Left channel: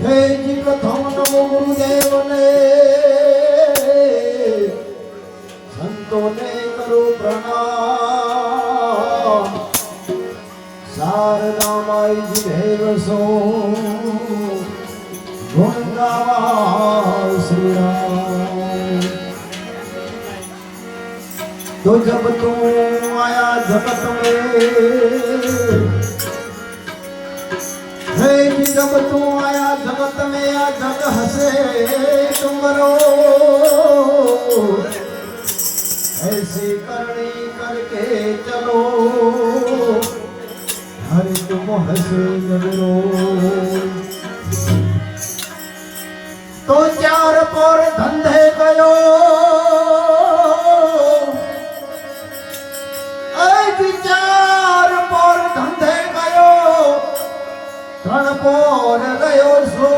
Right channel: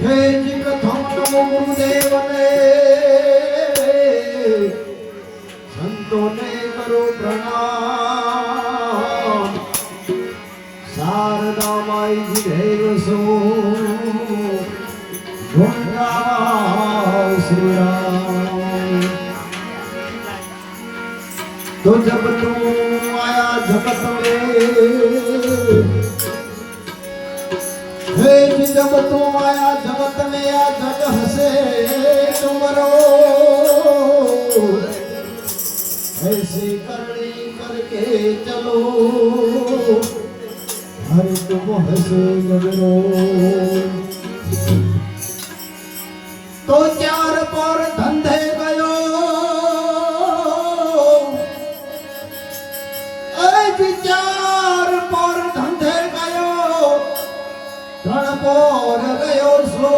જય કથમ નમો ગુરુદેવને સંતોને કરો પ્રણામ શારદા માઈ દેવ સો ગુણગાવા શ્રી રામ तो जब तुम आया जगत में हे जी जब तुम आया जगत में या जग हसे तुमरो ऐसी करनी करके चलो हर तुम हसे नजरो તો પર ધંધે ગયો. એ વિચાર પર ધંધે ગયો. ત્રણ પર ગયો સો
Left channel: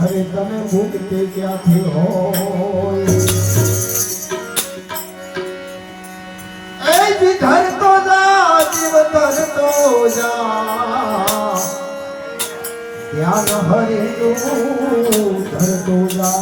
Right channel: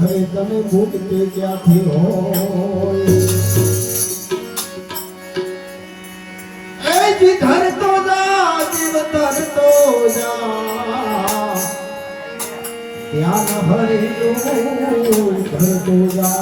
હવે તમે મુક્તિ ક્યાંથી હોય એ જી ધરતો જા જીવ ધરતો જા. ધ્યાન હરેનું ધરતો જા.